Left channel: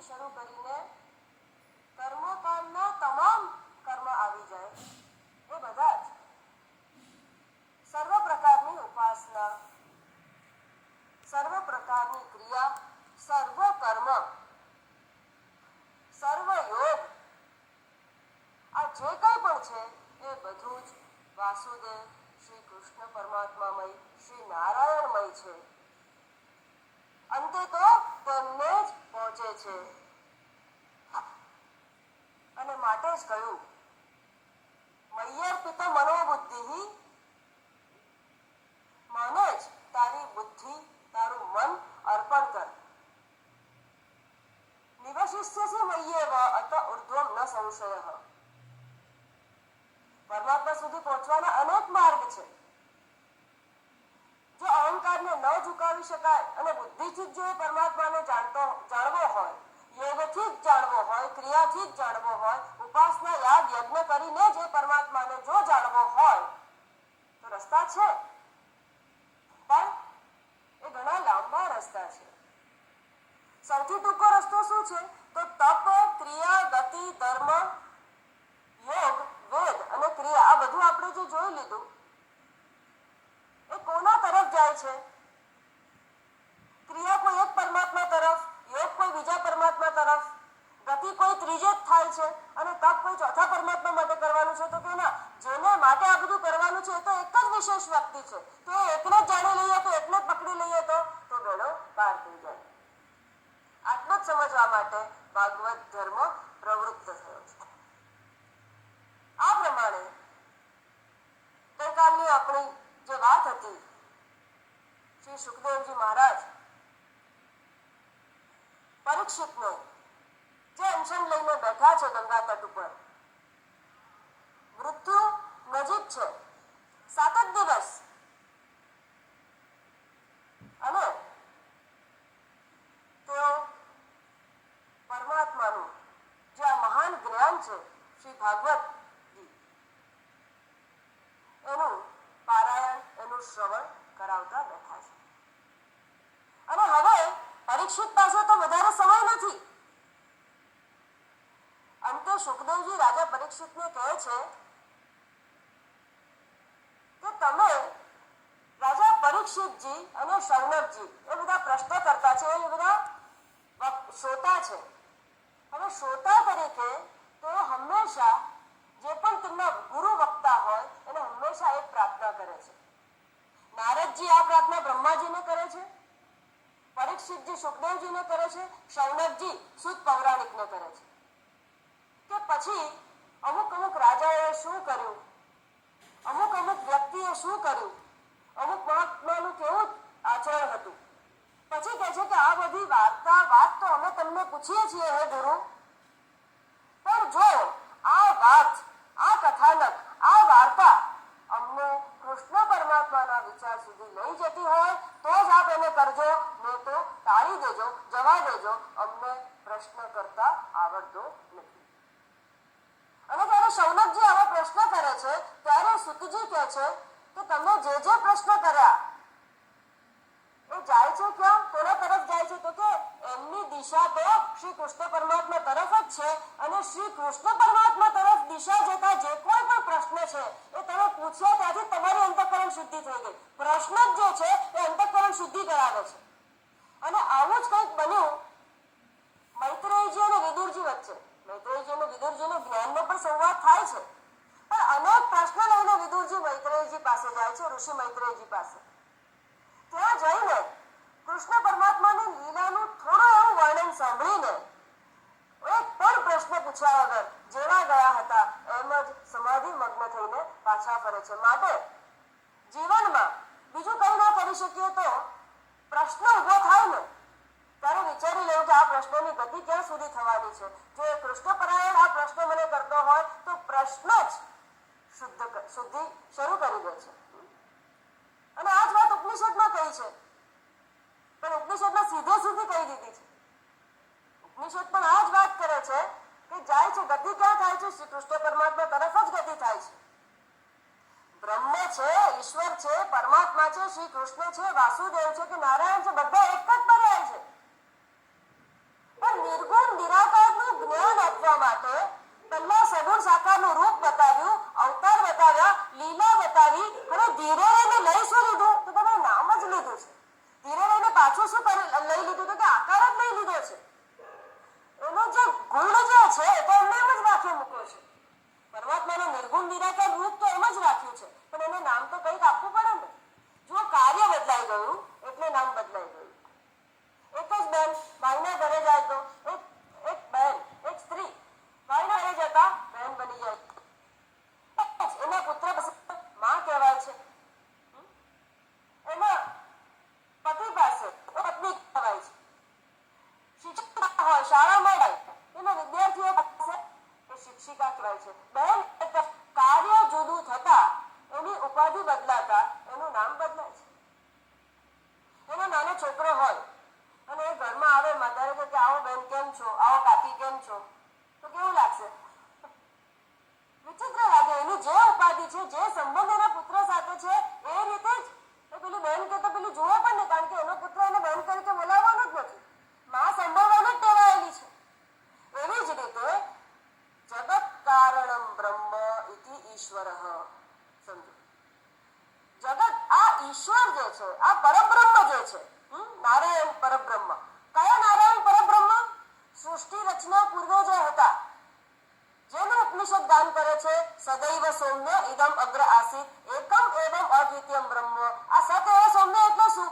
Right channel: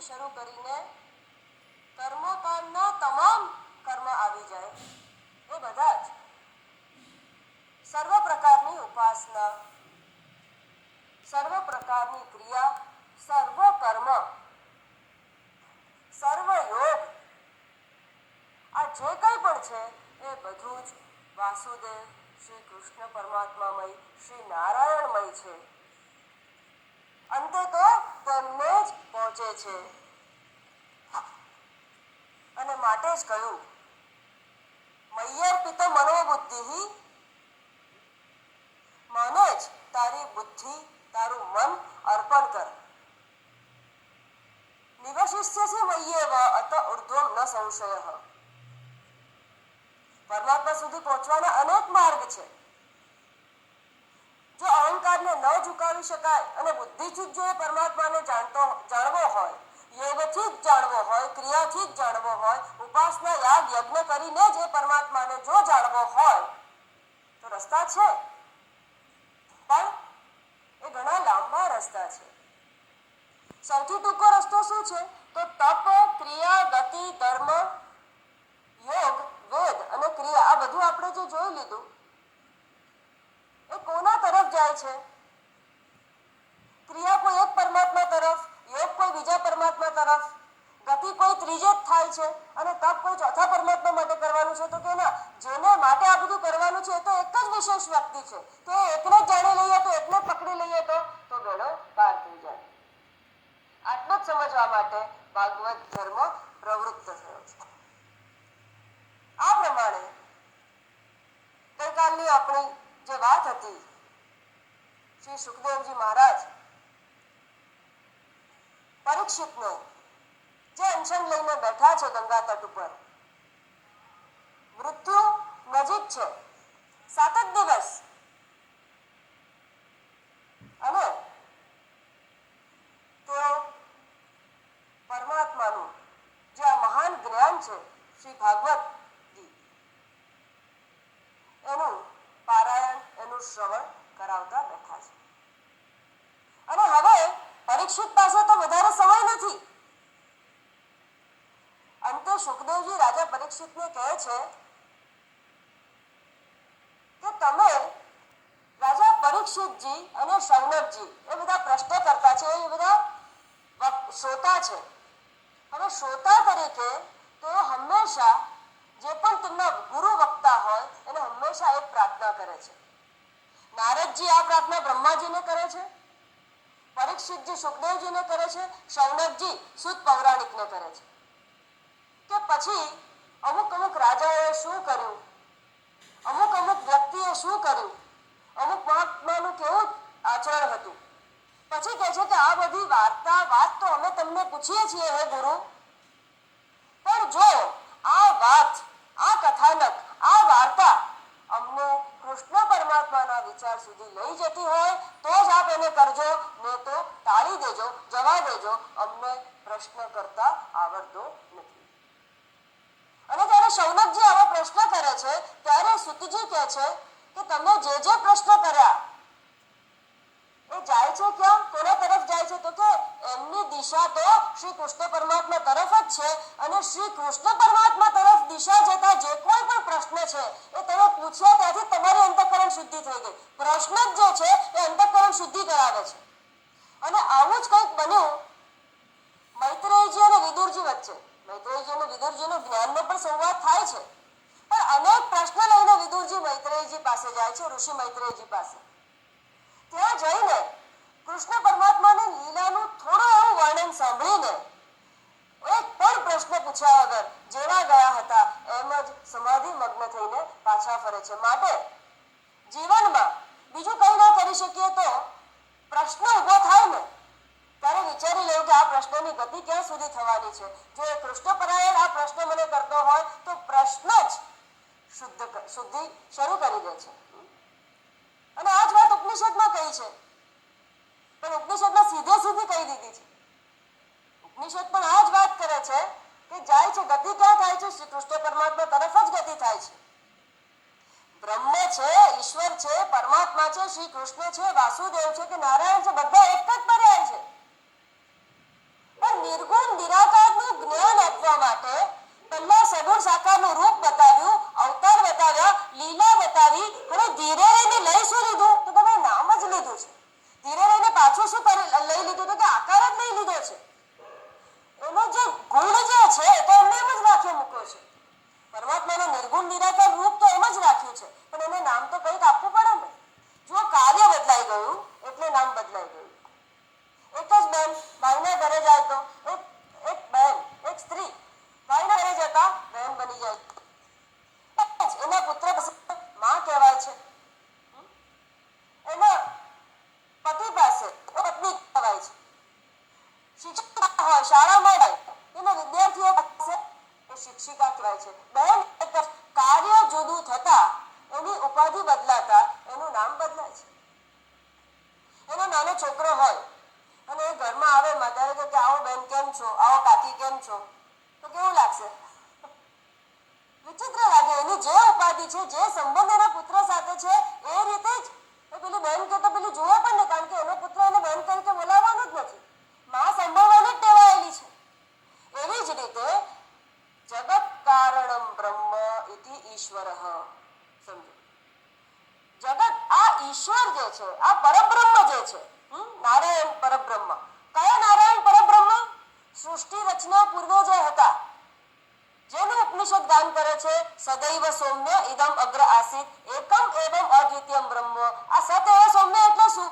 થી શરૂ કરીને કર્મકાંડના તમામ કર્મ આવી જાય એ બધા જ સર્વ પ્રકારની ઉપાસના, સર્વ પ્રકારની ક્રિયા, સર્વ કર્મ, સર્વ યોગ, આ જે કંઈ પણ છે એ બધું જ વાસુદેવ શ્રી કૃષ્ણ પરમાત્મામય, શ્રી નારાયણમય છે. અંતે તો તેમને જ પહોંચે છે. અને માટે જ કહ્યું, મય્યર્પિત મનોબુદ્ધિ, મને જ તારી બુદ્ધિ, તારું મન અર્પણ કર. નિવશિષ્યસી મય્યેવ અત ઉર્ધ્વમ ન સંશય. પરમાત્મા સુધી પહોંચવાના અનેક માર્ગ છે. જો અહંકારને ન ઝુકાવી શકાય અને બુદ્ધિથી જ જો એ પરમાત્માને જાણવો હોય, યોગથી જ જાણવો હોય, ક્રિયાથી જ જાણવો હોય, ઉપાસના યાગ યજ્ઞ કરીને જ એ પરમાત્માને જો જાણવો હોય તો રસ્તા છે, પણ એ ઘણા લાંબા રસ્તા છે. સૌથી ટૂંકો રસ્તો શું છે? તો તપ, ક્રિયા, ગતિ, ધર્મ, યોગ, વેદ અને ક્રિયા, આ બધું આપણે જે જોઈ લીધું એ કોના તરફ જાય છે? ક્રિયા કોઈ એક પરમાત્મા તરફ, યોગ કોઈ બીજા પરમાત્મા તરફ, ગતિ કોઈ ત્રીજે જ થાય છે અને તપ કોઈ ચોથા પરમાત્મા માટે કરવાનું છે. તો કે ના, જેને માટે આ બધું કરવાનું છે એ તો એક જ વિશેષ વ્યક્તિ છે. તો એકને જ જાણી લઈએ, તો એકને જ પકડી લઈએ તો ગણો પાર થઈ જાય. આટલું જ સમજવા માટે ભાગવત ધર્મ પ્રવૃત્ત થયો છે. આ પ્રમાણે ગઈકાલની આપણી જે વાત હતી, શ્રી સુખદેવજી મહારાજ પરીક્ષિતને જે અનશન લઈને બેઠા છે ગંગા તટ ઉપર, મૃત્યુ નજીક છે, 7 જ દિવસ, અને તેઓ પરમાત્માનું જે આ મહાન જ્ઞાન છે શ્રી ભાગવત, એનું પારાયણ, એનું શ્રવણ કરાવતા બેઠા છે. અને હવે પરીક્ષિત પાસે તો વધારે સમય નથી. અંતે સુખદેવજી રાજા પરીક્ષિતને કહે છે કે તમે રાજા પરીક્ષિતજી અને શૌનકજી એ બધા પ્રશ્ન કરતા છે, એ બધા શ્રોતા છે. હવે શ્રોતા તરીકે તેઓ હંમેશા જે પણ તેમના ગુરુ વક્તા હોય એને હંમેશા એક પ્રાર્થના કરે છે. નારદજી આ પ્રાર્થના બ્રહ્માજીને કરે છે, પરીક્ષિતજી સુખદેવજીને કરે છે, શૌનકજી સૂત પૌરાણિકને કરે છે કે પછી અમુક રાજાઓએ શું કર્યું, અમુક વ્યક્તિએ શું કર્યું, અમુક મહાત્માનું કેવું આચરણ હતું. પછી કહે છે કે આ બધી વાત તો અમે તમને પૂછીએ છીએ હે ગુરુ, પણ જો આ વાત, આ કથાનક, આ વાર્તા અમને કૃષ્ણ પરમાત્માના વિચાર સુધી લઈ જતી હોય તો જ આપ એને કરજો, નહીં તો ટાળી દેજો, જવા દેજો, અમને પ્રશ્ન કરતા આવડતો નથી. અને જ્યારે શૌનકજી આવો પ્રશ્ન કરે છે ત્યારે સુતજી કહે છે કે તમે જે પ્રશ્ન કર્યા એ જાય છે ક્યાં, કોના તરફ જાય છે? તો કે એમની દિશા તો શ્રી કૃષ્ણ પરમાત્મા તરફ જ છે. અને શ્રી કૃષ્ણ પરમાત્મા તરફ દિશા જતા જે કોઈ પણ પ્રશ્ન છે એ તમે પૂછ્યા ત્યાંથી તમારી અંતઃકરણ શુદ્ધિ થઈ ગઈ. પ્રશ્ન જ જે છે એ અંતઃકરણ શુદ્ધિ કરાવે છે. અને આવું જ કંઈક બન્યું મૈત્રેયજી અને વિદુરજી વચ્ચે. મૈત્રેયજી અને વિદુરજીનો જ્ઞાનનો પણ સંવાદ થાય છે, પણ અનેક પ્રશ્ન લઈને વિદુરજી મૈત્રેયજી પાસે જાય છે, ઋષિ મૈત્રેયજી પાસે. ત્યાં જઈને કૃષ્ણ પરમાત્માની લીલાનું થોડું એવું વર્ણન સાંભળીને એક પણ પ્રશ્ન પૂછ્યા વગર જેવા ગયા હતા એમ જ સમાધિ મગ્ન થઈને પાછા ફરે છે. માટે જીવનમાં બીજું કંઈ ન કરી શકીએ તો પ્રશ્ન ઊભો થાય ને ત્યારે વિચારી લેવું કે આ પ્રશ્નની ગતિ ક્યાં સુધી થવાની છે. જો એ કૃષ્ણપરાયણ આ પ્રશ્ન મને કરતો હોય તો પ્રશ્ન જ શુદ્ધિ શરૂ કરી દે છે. અને આ જ વાત ઉપનિષદમાં કહી છે, પણ ઉપનિષદમાં સીધે સીધી કહી દીધી છે. ઉપનિષદ પણ આ જ વાત કરે છે કે જાય છે, ગતિ ક્યાં થાય છે? શ્રી કૃષ્ણ પરમાત્મા તરફ જ ગતિ થાય છે. બ્રહ્મ છે, ઈશ્વર છે, પરમાત્મા છે, શ્રી કૃષ્ણ છે, વાસુદેવ છે કે નારાયણ છે, બધા એક જ પર્યાય છે. પણ નિર્ગુણ શું કરી લઈ લીધું તો કે આકાર જ લઈ લીધો છે. એનો જે ગુણ જે છે તો એમને એમ જ રાખ્યો મૂક્યો છે. પરમાત્માનો નિર્ગુણ નિરાકાર રૂપ તો એમ જ રાખ્યું છે, પણ એને નામ તો કંઈક આપવું પડે ને. જો કાર્ય બદલાઈ ગયું એટલે નામ બદલાઈ ગયું. એક જ બેન ભાઈના ઘરે જાય તો એક બેન, એક સ્ત્રી ભાઈના ઘરે જતા બહેન બની જાય. એના પુત્ર માં કહેવાય છે, એના પતિ પાસે પત્ની કહેવાય છે. શિક્ષક હોય શાળામાં જાય એના વિદ્યાર્થીઓ પાસે શિક્ષિકા કહેવાય છે. બહેન કાર્ય જુદું થતા એની ઉપાધિ બદલાતા એનું નામ બદલાય છે. એનો નાનો છોકરો હોય અને એ ઘરમાં આવે, માતારે કે આવો બેન કેમ છો, આવો કાકી કેમ છો, તો કેવું લાગશે? વિચિત્ર લાગે. એની જે ઉપાધિ છે, જે સંબંધ એના પુત્ર સાથે છે એ રીતે જ પેલી બેન કે તો પેલી જુએ પણ નહીં, કારણ કે એનો પુત્ર એને બેન તરીકે બોલાવવાનો જ નથી. માં સંભાળવાની જ ટેવાયેલી છે. એવી જ રીતે જગત કારણમ બ્રહ્મ ઇતિ ઈશ્વરઃ. સમજો, જગત આ ઈશ્વર જે છે, આ પરબ્રહ્મ જે છે, નારાયણ પરબ્રહ્મ. કયા નારાયણ પરબ્રહ્મ? સૃષ્ટિ રચના પૂર્વે જે હતા, જેનું ઉપનિષદ ગાન કરે છે સદૈવ સૌમ્ય ઇદમ અગ્ર આસીત એકમ એવમ અદ્વિતીયમ બ્રહ્મ. આ સત એવ સૌમ્ય એટલે શું?